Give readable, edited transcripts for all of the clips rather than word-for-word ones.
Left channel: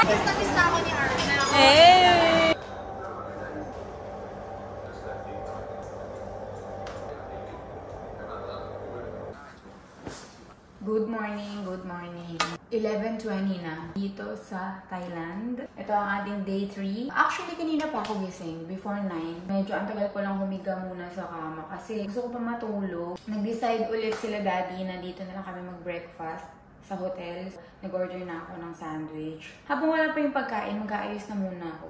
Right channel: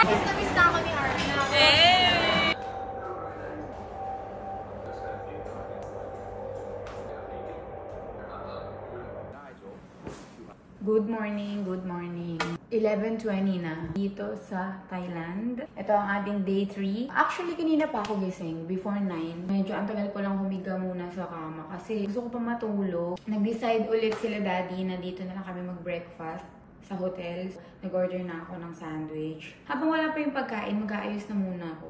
Miss na ako ni Arna. Hey! Good morning, good morning. 11:20 na dito sa Thailand. Ito ang ating day 3. Actually, kanina pa ako gising, before 9. Medyo ang tagal ko lang humiga muna sa kama kasi gusto ko pa matulog. Nag-decide ulit sila daddy na dito na lang kami mag-breakfast sa hotel. Nag-order na ako ng sandwich. Habang wala pa yung pagkain, mag-aayos na muna ako.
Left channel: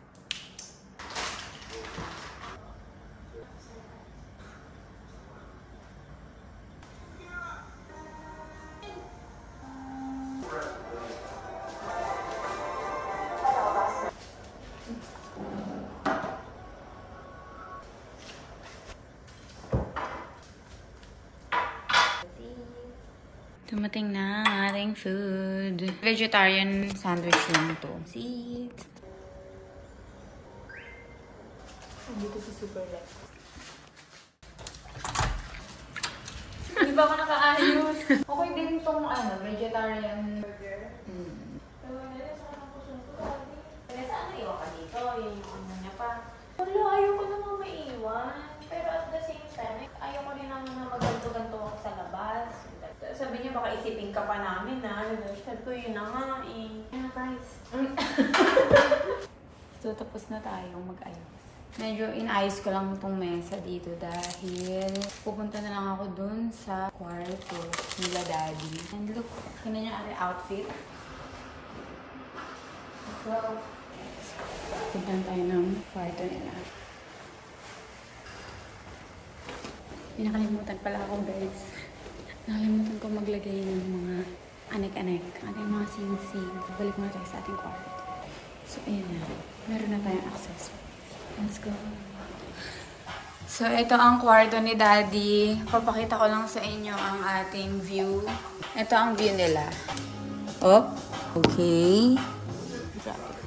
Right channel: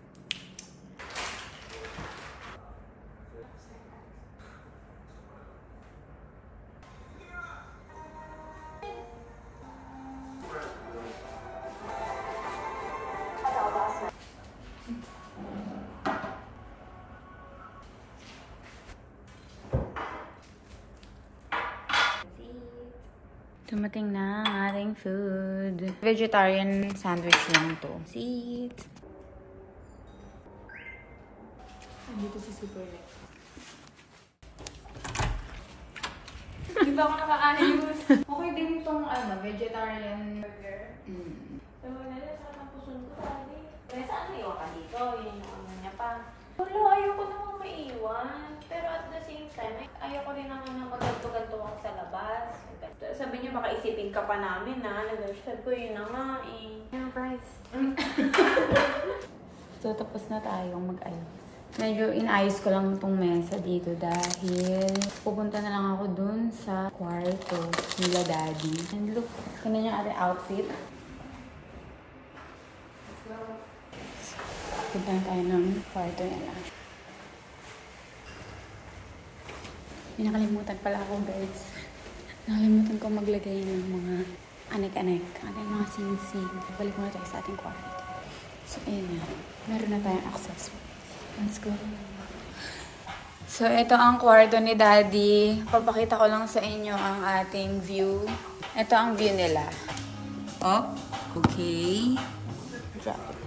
Dumating na ang ating food. Vegetarian sandwich lang to. Seat. Dito sa Superlet. Di ba ako nakaayos? Okay din itong vegetarian burger. Pero saan naiwan ka dito? Yun yung ano niya pa. Wala, ayoko naman maiwan. Pero at the same time, ayoko rin naman na magganto-ganto ako sa labas. Sabi niya, baka isipin ka pa namin na. Sabi ko, yun na nga eh. Yeah, guys. So, tapos na tayong mag-ayos. Medyo inayos ko lang itong mesa dito dahil pupunta na lang ako dun sa kwarto nila daddy. And look, ito na yung ating outfit. So, punta na tayo ng kwarto nila. Pinakalimutan pala ako, guys. Nakalimutan ko maglagay ng mga anek-anek. Ating mga sing-sing. Balik muna tayo sa ating kwarto. So, ayun na. Meron na tayong access. Let's go. So, ito ang kwarto ni daddy. Papakita ko lang sa inyo ang ating view. Ito ang view nila. Oh, okay. Drop it.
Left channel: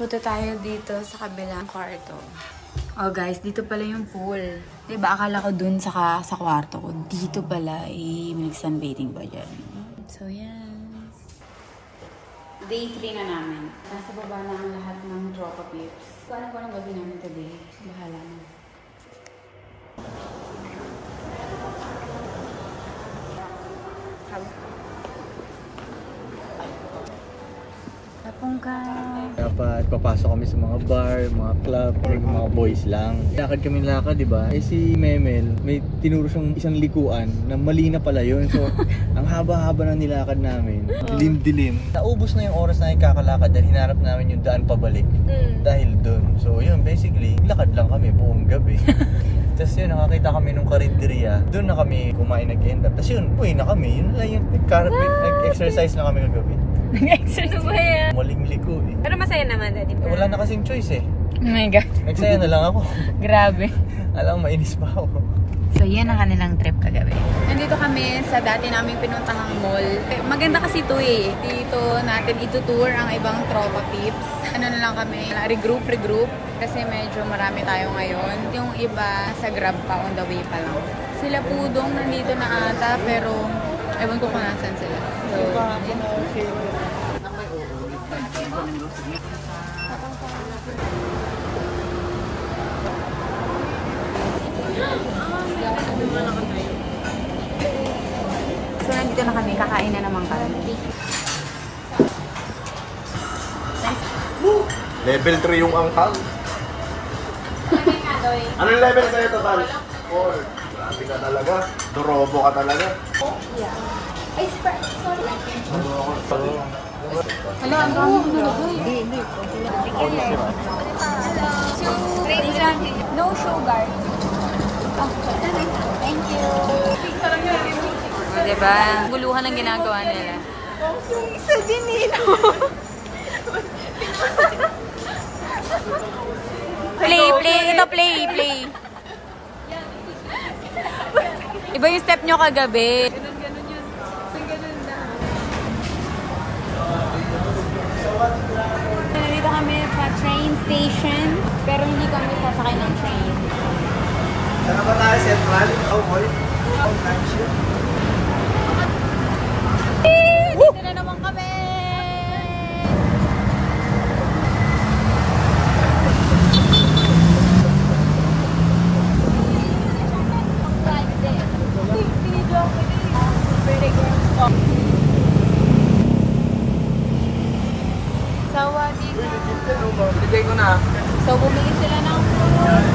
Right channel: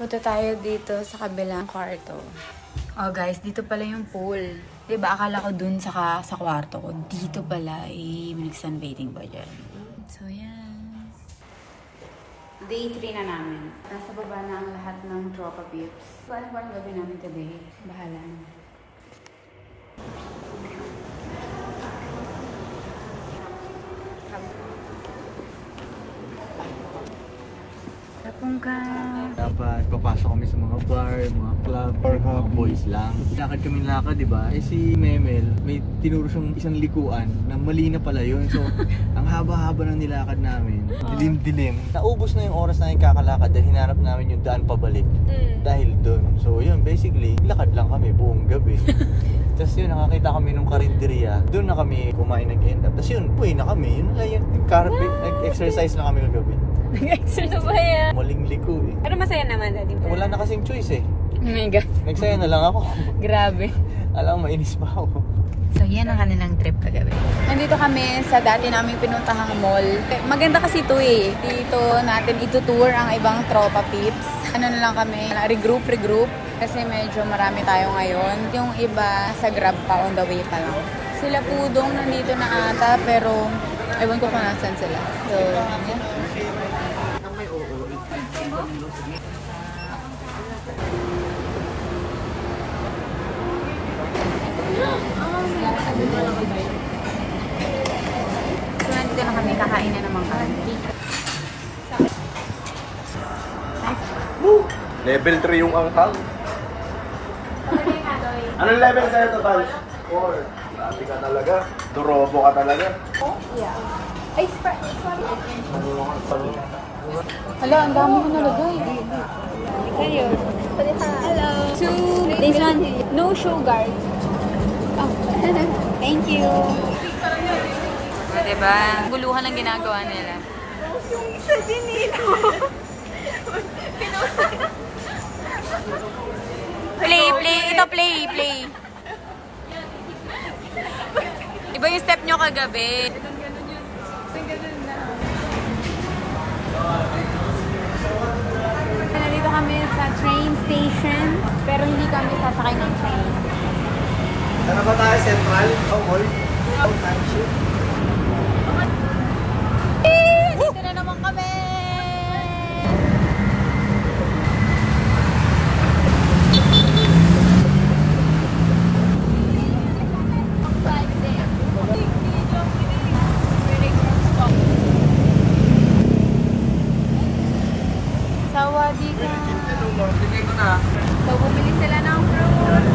Punta tayo dito sa kabilang kwarto. Oh guys, dito pala yung pool. Diba, akala ko dun sa kwarto ko. Dito pala, may sunbathing ba dyan? So, yan. Day 3 na namin. Nasa baba na ang lahat ng tropa pips. So, ano ba ang gagawin namin today? Bahala na. Tapong ka. Dapat papasok kami sa mga bar, mga club, mga boys lang. Lakad kami di ba? Eh si Memel, may tinuro siyang isang likuan na mali na pala yun. So, ang haba-haba ng nilakad namin. Dilim-dilim. Naubos na yung oras na yung kakalakad dahil hinarap namin yung daan pabalik. Dahil dun. So, yun, basically, lakad lang kami buong gabi. Tapos yun, nakakita kami nung karinderya. Doon na kami kumain nag-end up. Tapos yun, uwi na kami. Yun na yun, nag-exercise na kami kagabi. Nag-exercise ba yan? Maling liko eh. Pero masaya naman daddy. Wala na kasing choice eh. Oh my God. Nagsaya na lang ako. Grabe. Alam, mainis pa ako. So, yan ang kanilang trip kagabi. Nandito kami sa dati naming pinuntahang mall. Maganda kasi ito eh. Dito natin itutour ang ibang tropa pips. Ano na lang kami, regroup. Kasi medyo marami tayo ngayon. Yung iba sa Grab pa, on the way pa lang. Sila Pudong nandito na ata, pero ewan ko kung nasan sila. So, yeah. So, nandito na kami. Kakain na naman kami. Level 3 yung angkal. Anong level sa'yo total? 4. Grabe ka talaga. Dorobo ka talaga. Hala, ang dami ko nalagay. Hello. This one, no sugar. Oh, thank you. O, diba? Guluhan ang ginagawa nila. Isa din nila. Play. Ito, play. Iba yung step nyo kagabi. Nandito kami sa train station, pero hindi kami sasakay ng train. Saan ba tayo? Central? Boy? Time shift? Dito na naman kami! Bigay ko na. So, bumili sila ng fruits.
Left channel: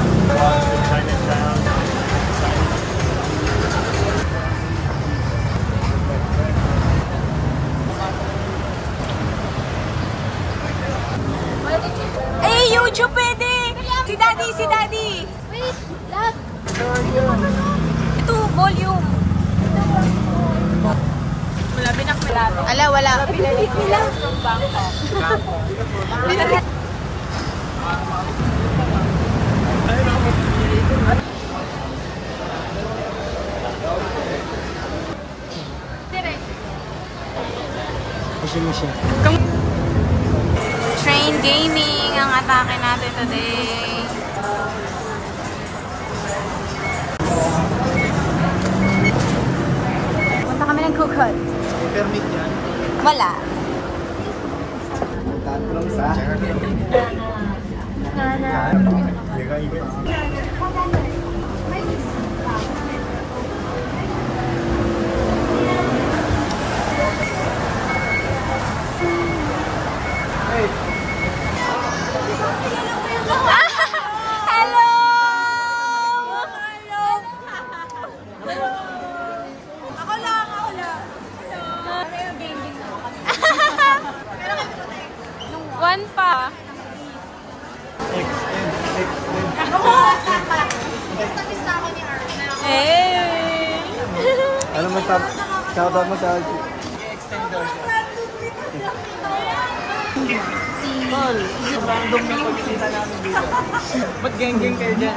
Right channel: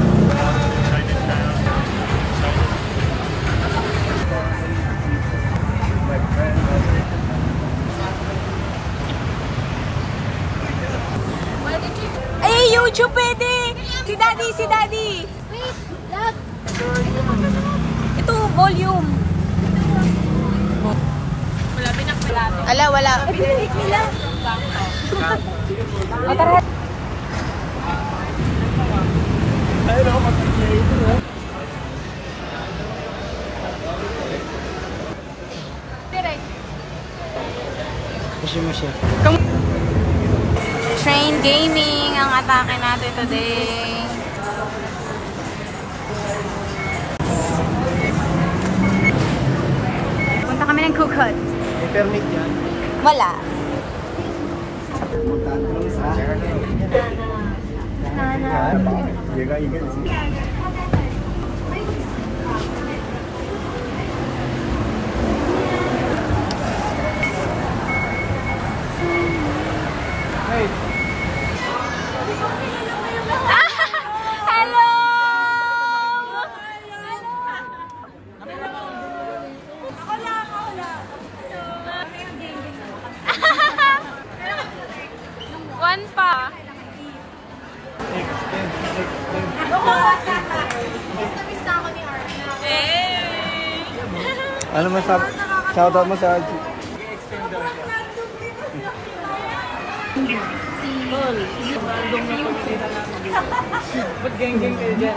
Ay, YouTube pwede! Si Daddy, si Daddy! Wait, lag. Ito, volume. Ala, wala. Pinalik nila. Mushi. Train gaming ang atake natin today. Punta kami ng Kukot. Wala. Puntahan ko lang sa... Hello! Ako lang. One pa. Hey! Ano mo siya? Shoutout mo sa... Tol, random na pagkita namin dito. Ba't geng-geng kayo dyan?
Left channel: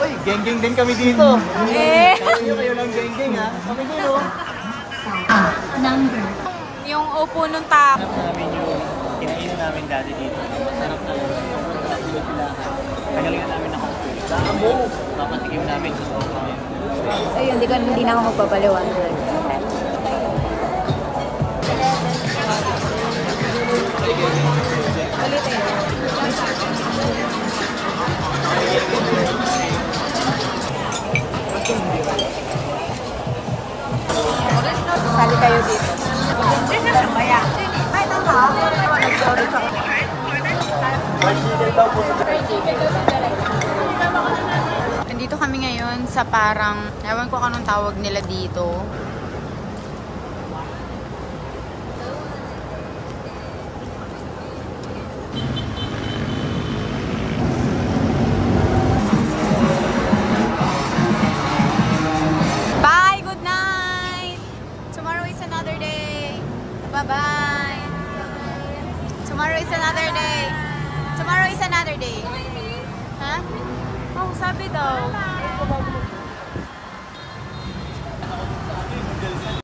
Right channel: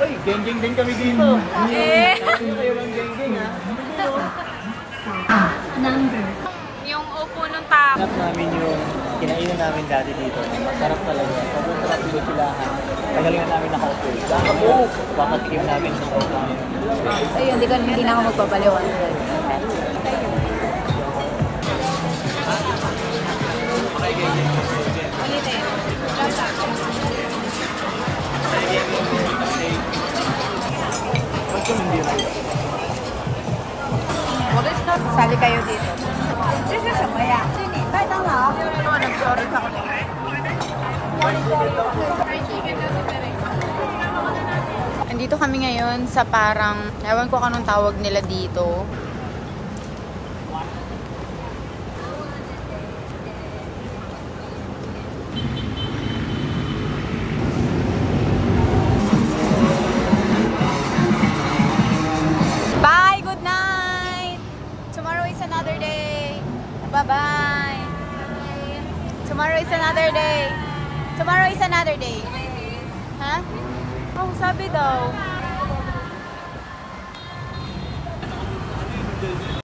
Uy, geng-geng din kami dito. Eh! Sabi nyo kayo lang geng-geng ha. Kami dito. Yung upo nung taco. Sarap namin yung kinainan namin dati dito. Masarap talaga. Sobrang sarap yung pilahan. Tagalingan namin nakaupo. So ngayon, papatikim namin sa sopa ngayon. Ayun, hindi na ako magbabaliwan. Ba't kami hindi rice? Sali kayo dito. Andito kami ngayon sa parang, ewan ko anong tawag nila dito. Bye! Good night! Tomorrow is another day. Bye-bye! Tomorrow is another day. Tomorrow is another day. Ha? Oh, sabi daw.